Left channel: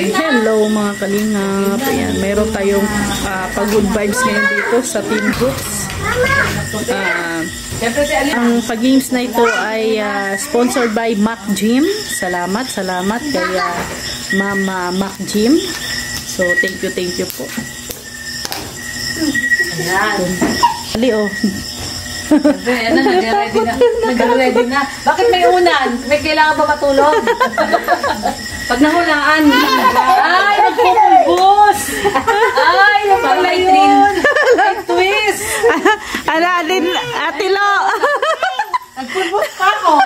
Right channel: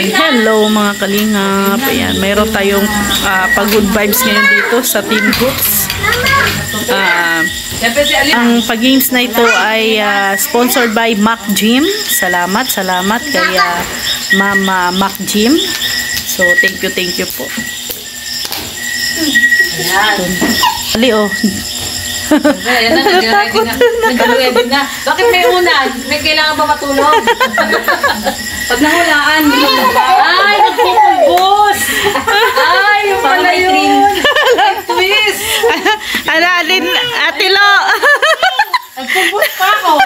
Ayan. Hello mga kalingap. Ayan, mayroon tayong pag-good vibes ngayon dito sa Team Brooks. Ang pag-games na ito ay sponsored by Mac Gym. Salamat kay Mama Mac Gym. So thank you po. Ali oh. Nag-ready na. Bakit may unan? May kailangan ba matulog? Pag nahulaan. Ay, nagpupulbos. Ay, yung pala yun. Nag-twist. Alin, Atilo. Nagpulbos pa ako.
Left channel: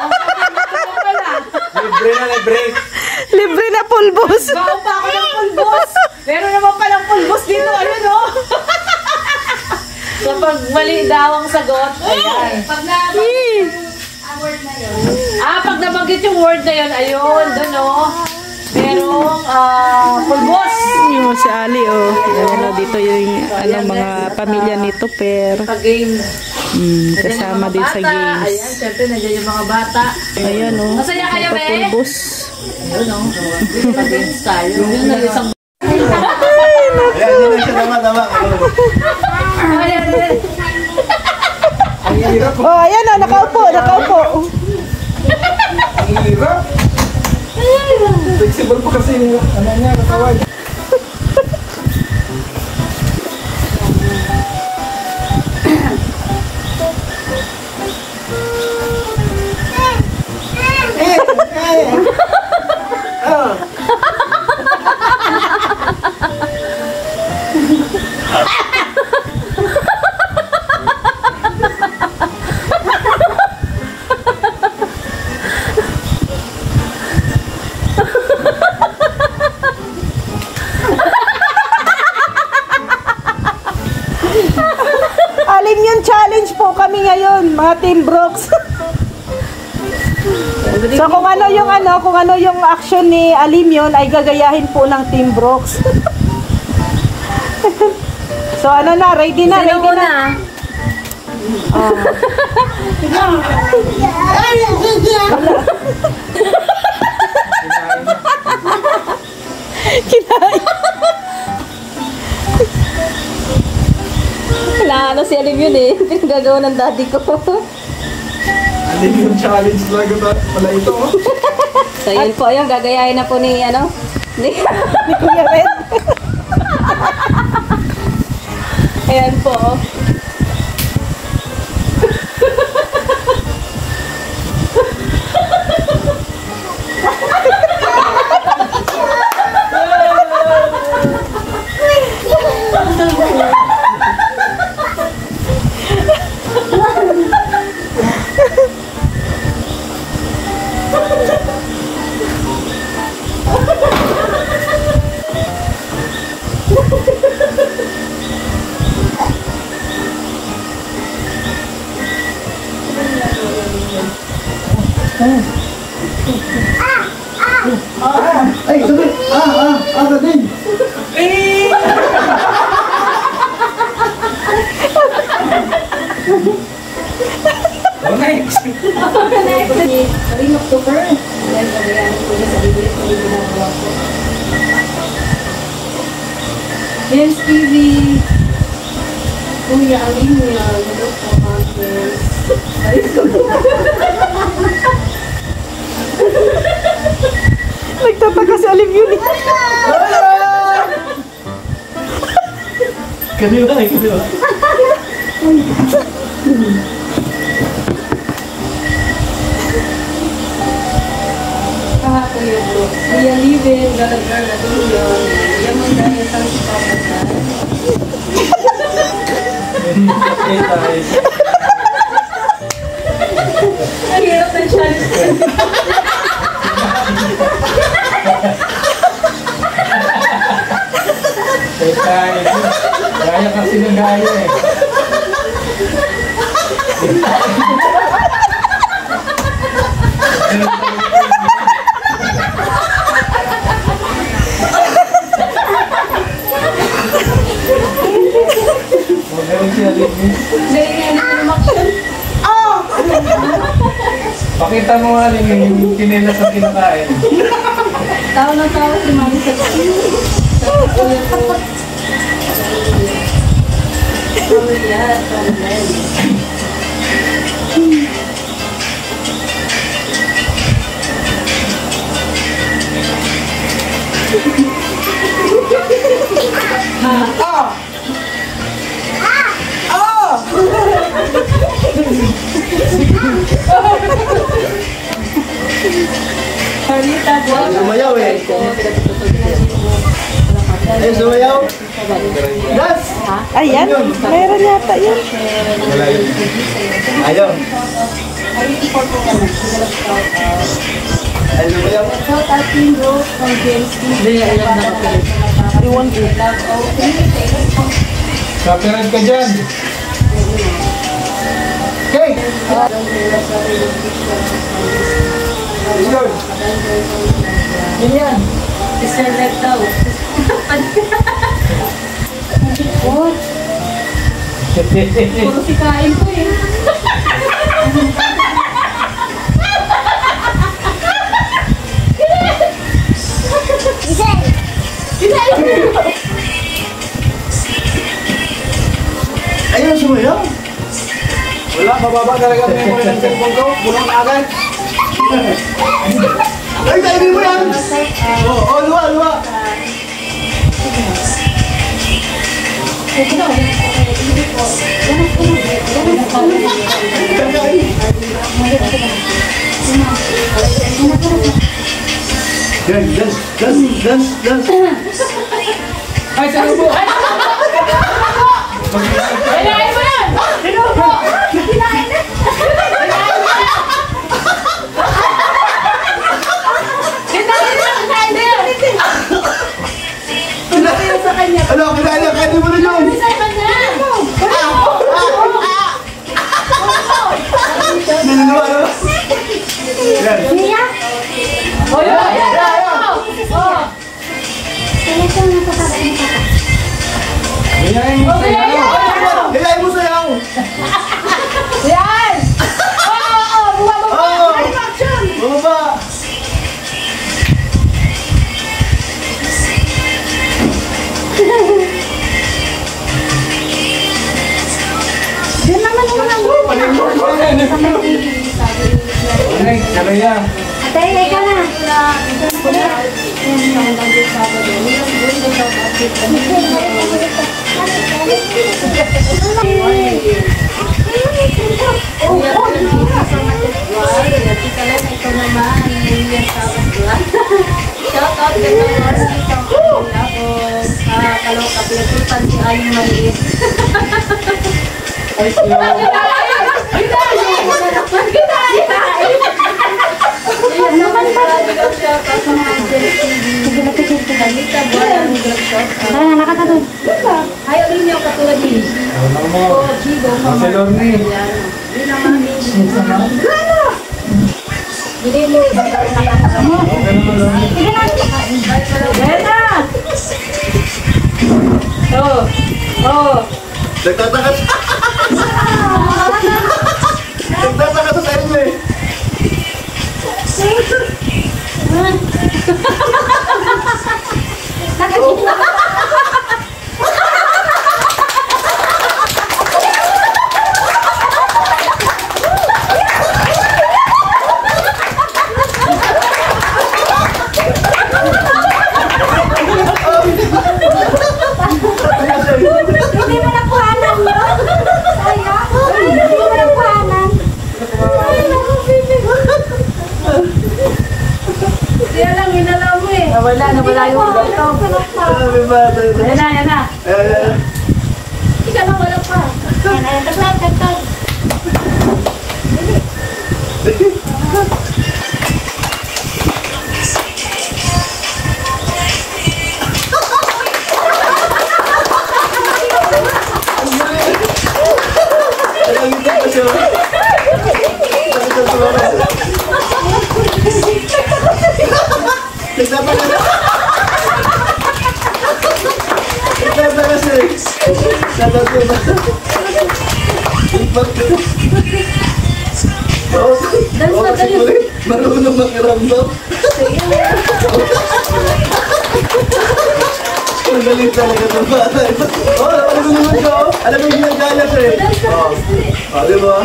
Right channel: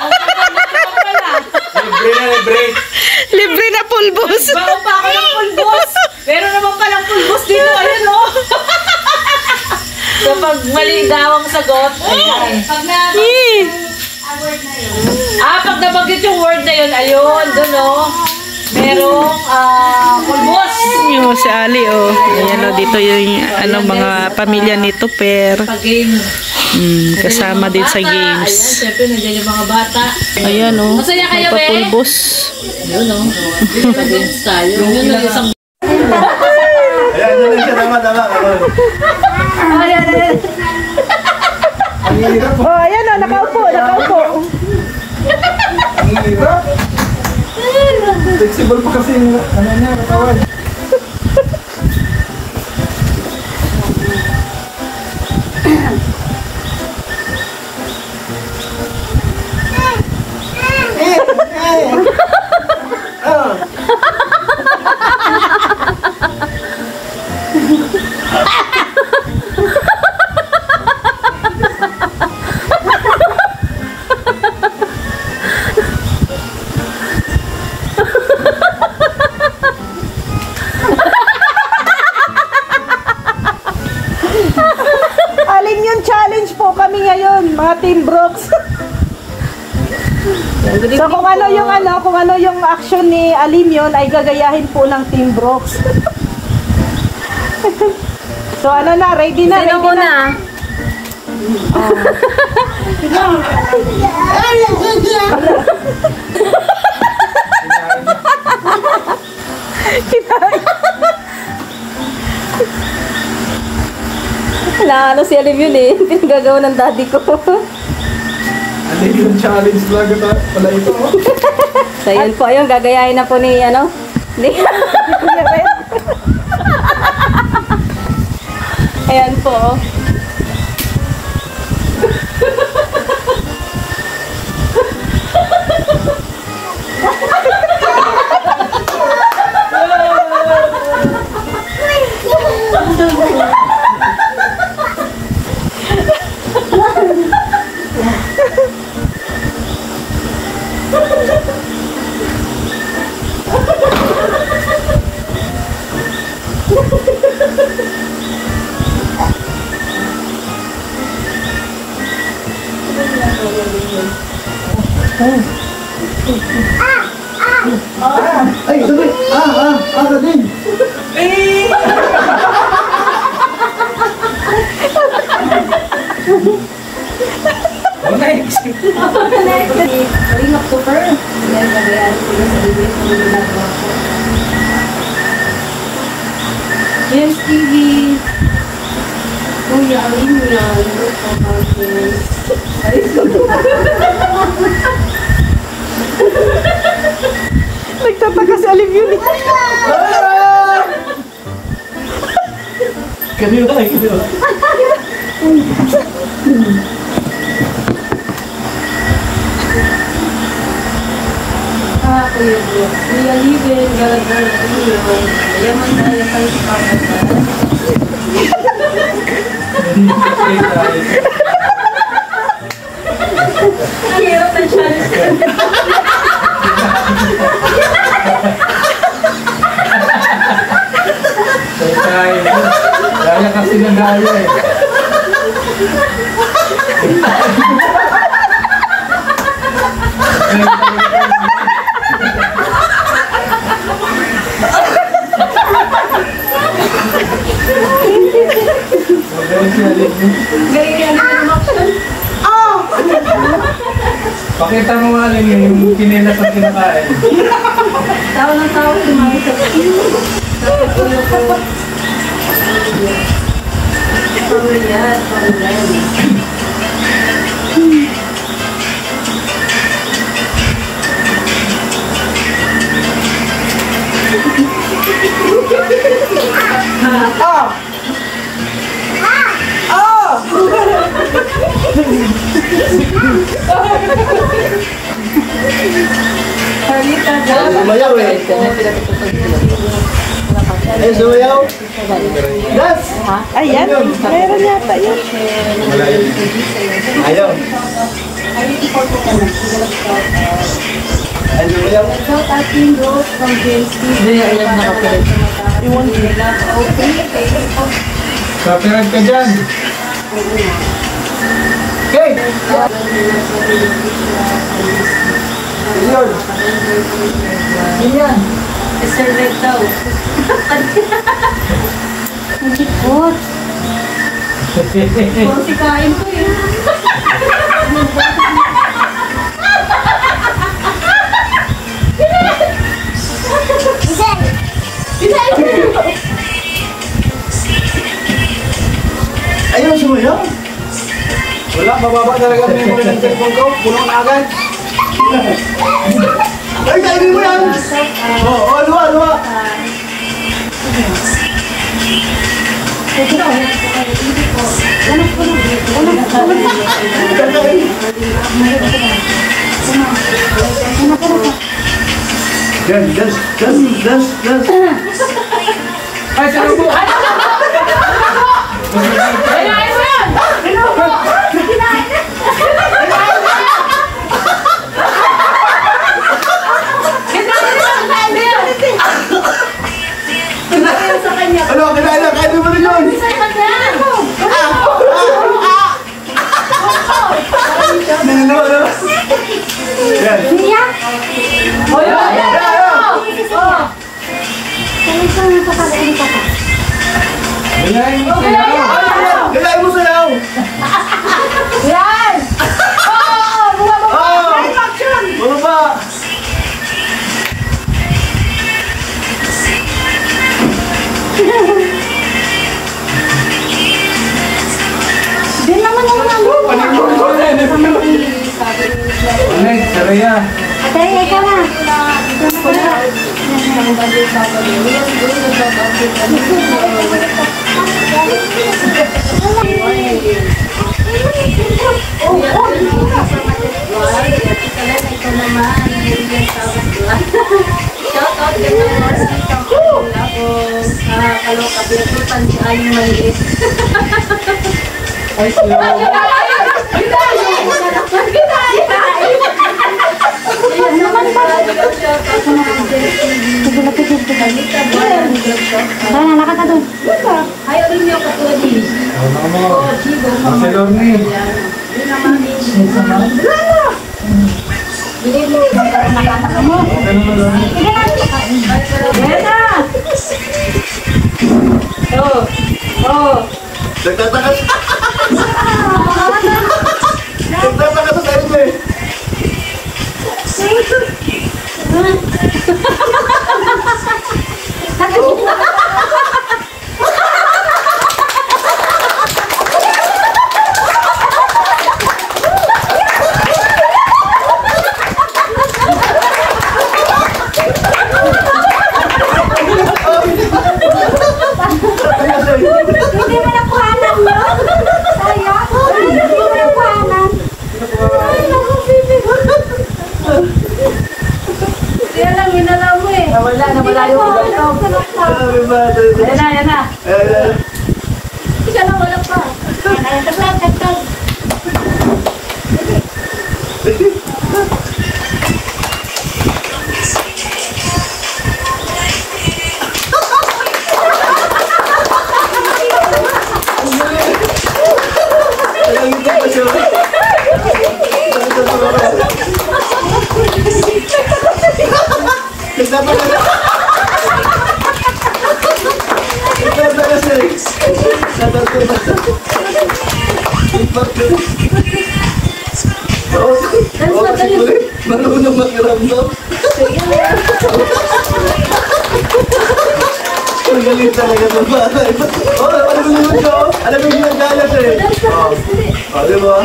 Libre na pulbos. Bago pa ako ng pulbos. Meron naman palang pulbos dito. Ayun o. Kapag mali daw ang sagot, ayan. Pag nabanggit yung word na yun. Pag nabanggit yung word na yun, ayun, dun o. Merong pulbos. Yung si Ali oh. Ayan o, dito yung mga pamilya nito per. Kasama din sa games. Ayan, syempre nandiyan yung mga bata. Ayan o, may papulbos. Ayun o, games tayo. Yun na isang... Ayan, tama. Oh, ayan o, nakaupo. Ang hirap. Flexible pa kasi yung katawan. Mga Team Brooks. So kung ano yung action ni Alim yun ay gagayahin po ng Team Brooks. So ready na. Sino muna? Wala, si Alim yun eh. Pinagagawa ng daddy ko. Alim yung challenge lang pala ito. So yun po, ayun, gagayahin na po ni Kuya Red. Ayan po. Ay, sabi! Sabi! Next! Ring October. Dahil nagayahin ko na sa bibig ko yung ginagawa ko. James TV. Kuya, ang inyo na. Yung po conference. Nagtataga si Alim yun. Kanila. Kuya Brooks. Kuya Liven, galagar na tuyo. Yaman na yung palipakas na. Ang hirap na siya. Kaya kasi nagaya eh. Pakita mo nga rin yung kinilas ang kinakain. Tawa ng tawa si Mami sa tapos ulo ko. Sumayaw eh. Sumayaw. Das! Ayan, meron yata yun. Ayaw. Ay, sumayaw. Shout out Team Rose from James Hindi, ayan na ako. Copyright ka dyan. Okay. Yun. Ayan. Mr. Red daw. Nagikot. Puro sikain to eh. Ayun, sumayaw. Wala, mababa talaga memory ng cellphone ko. Pulang agad. Ay, kainin mo yan! Oo, luwa, luwa. Dance. Ay, salubo! Kinain mo yan! Sinubo! Kinain na! Sa kanya. Ano, kinain mo na yun! Nino, ano? Yan. O yun! Kinain mo sayaw! Yan! Oo! Oo! Bumaba! Din naman naman ang Ay, saraya. Atay, ikaw na. Shout out ka na kalau kapilitan si Aling Maliit. Ay, slow. Ayan naman ba? Shout out mga sige na tigil ko na. Dahil nakata doon. Ayaw rin niyo katulad din. O, Chigo, mama. Yun ang mga Sige mo. Nagtatakas. Nagtatakas sa inyo eh. Nawala yung Yan na. Ika na wala pa. Tagtaw. Marunong makiramdam. Magaling talaga ito ba? Alam mo naman ko. Alam mo yung ginagayat eh. Di ba?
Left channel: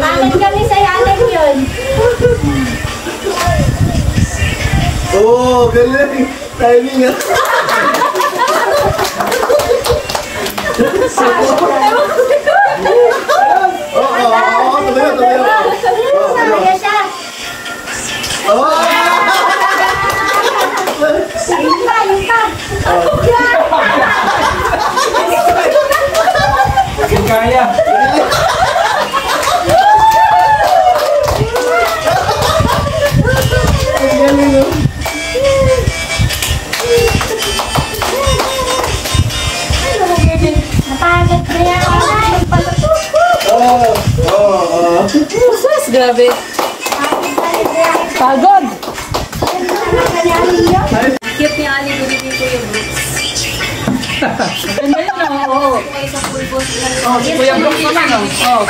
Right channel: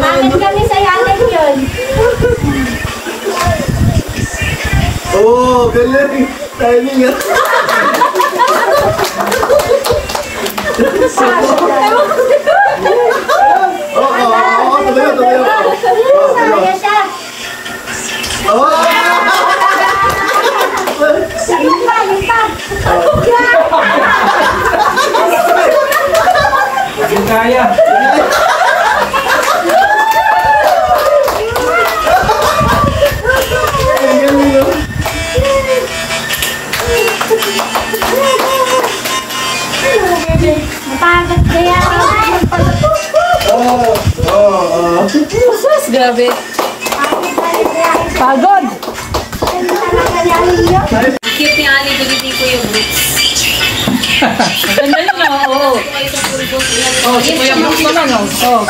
Bakit kami sa yakin yun? Oo, galing. Timing ah. Kaya siya. Yung pa, yung pa. Kaya. Mapagod kaya. Sus, grabe. Pagod. Cute ni Ali, binigay ko yung boots. Ganda yun, oo. Oh, si Kuya Brooks naman, oh.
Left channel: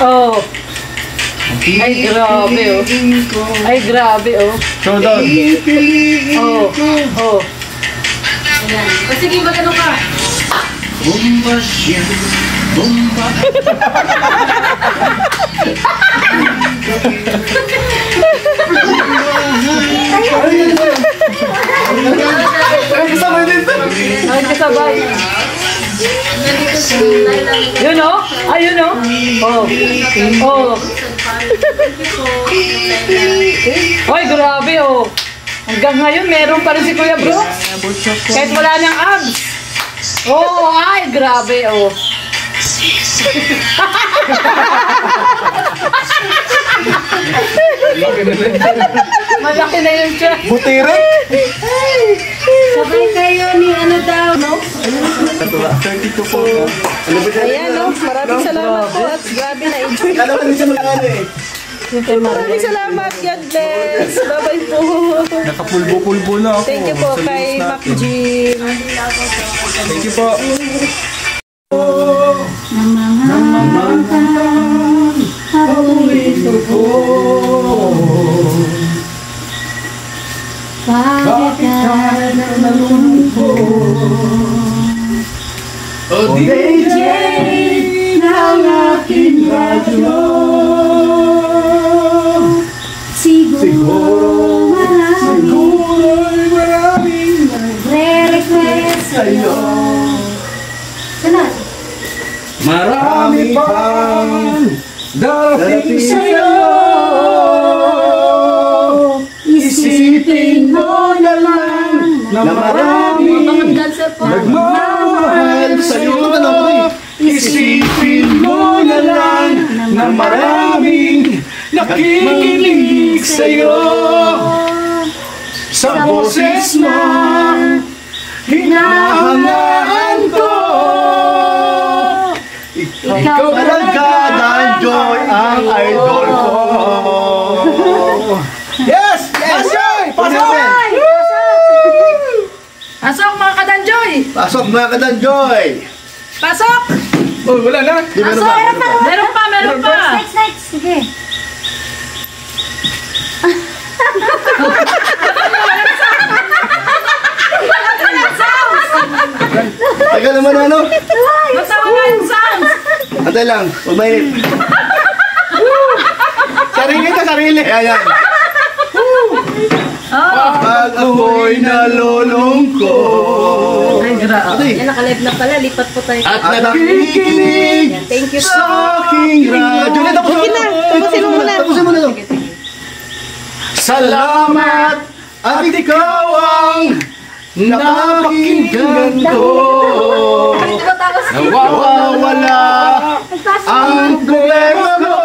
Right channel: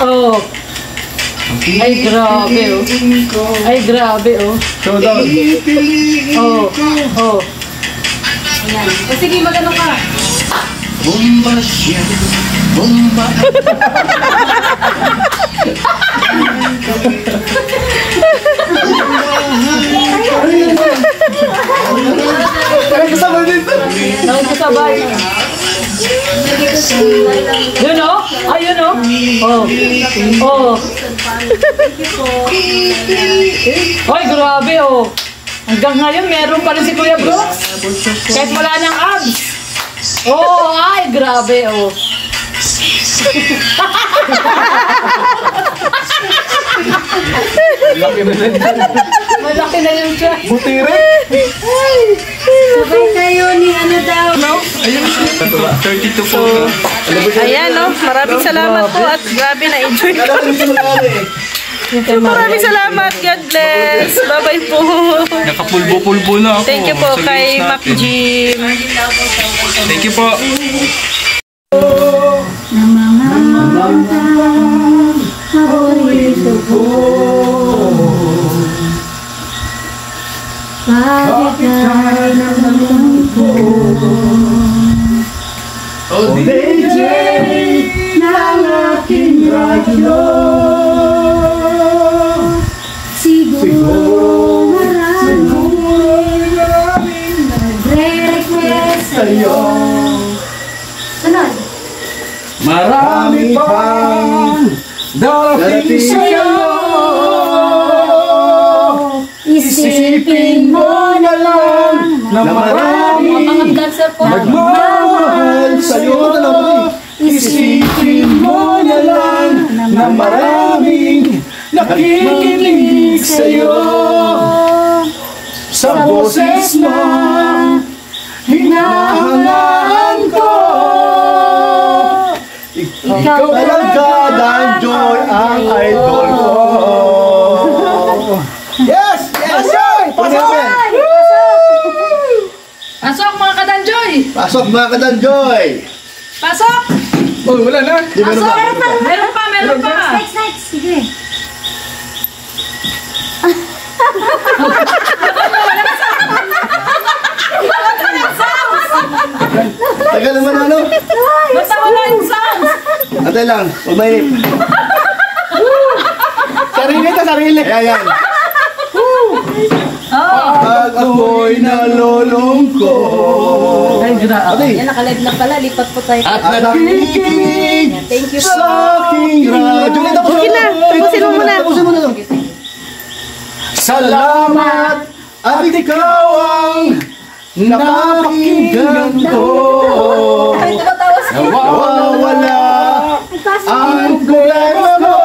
Oh. Ay, grabe, oh. Ay, grabe, oh. Oh, oh. Ayan. O sige, magano ka. Bomba siya. Bomba. Ay, kasama dito. Ay, kasabay. Yun, oh. Ay, yun, oh. Oh. Oh. Ay, grabe, oh. Hanggang ngayon, meron pa rin si Kuya Brooks. Kahit wala niyang abs. Oh, ay, grabe, oh. Malaki na yun siya. Butire. Sabay kayo ni ano daw. No? 32 po. Ayan, no? Maraming salamat po at grabe na enjoy ko. Maraming salamat. God bless. Bye-bye po. Nakapulbo-pulbo na ako. Thank you po sa kay views Mac natin. Jim. Thank you po. O DJ ng aking radyo. Siguro marami Siguro'y maraming nagre-request sa'yo. Sunod. marami pang darating sa'yo. Isipin mo na lang na maraming nagmamahal sa'yo. Isipin mo na lang na maraming nakikinig sa'yo. Sa boses na hinahangaan ko, ikaw talaga, Dan Joy, ang idol ko. Yes! Yes! Pasok! Pasok, mga kadanjoy! Pasok mga ka-Dan Joy! Pasok! Oh, wala na. Di meron ba? Meron pa, meron pa! Next, next. Sige. Tagal naman ano? Natawa yung sounds! Antay lang, huwag mainit. Sarili ka, sarili. Ayan. Pag ako'y nalulungkot. Ay, grabe. Ate, Yan, nakalive na pala. Lipat po tayo. at nakikinig Thank you sa po. aking radyo. Okay na, tapusin mo muna. Tapusin mo na. Salamat at ikaw ang napakinggan ko. Nawawala ang problema mo.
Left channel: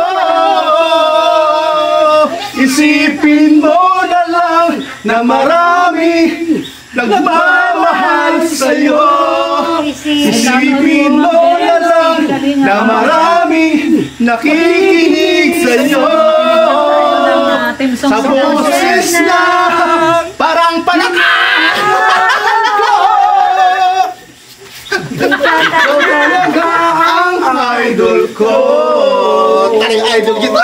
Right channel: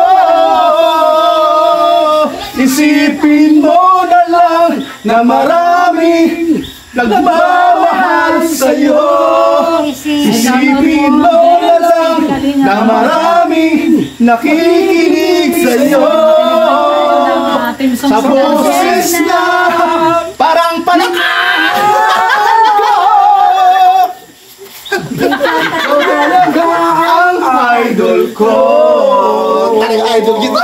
Isipin mo na lang na maraming nagmamahal sa'yo. Isipin mo na lang na maraming nakikinig sa'yo. Sa boses na parang panakan ko, ikaw talaga ang ko. Taring idol kita.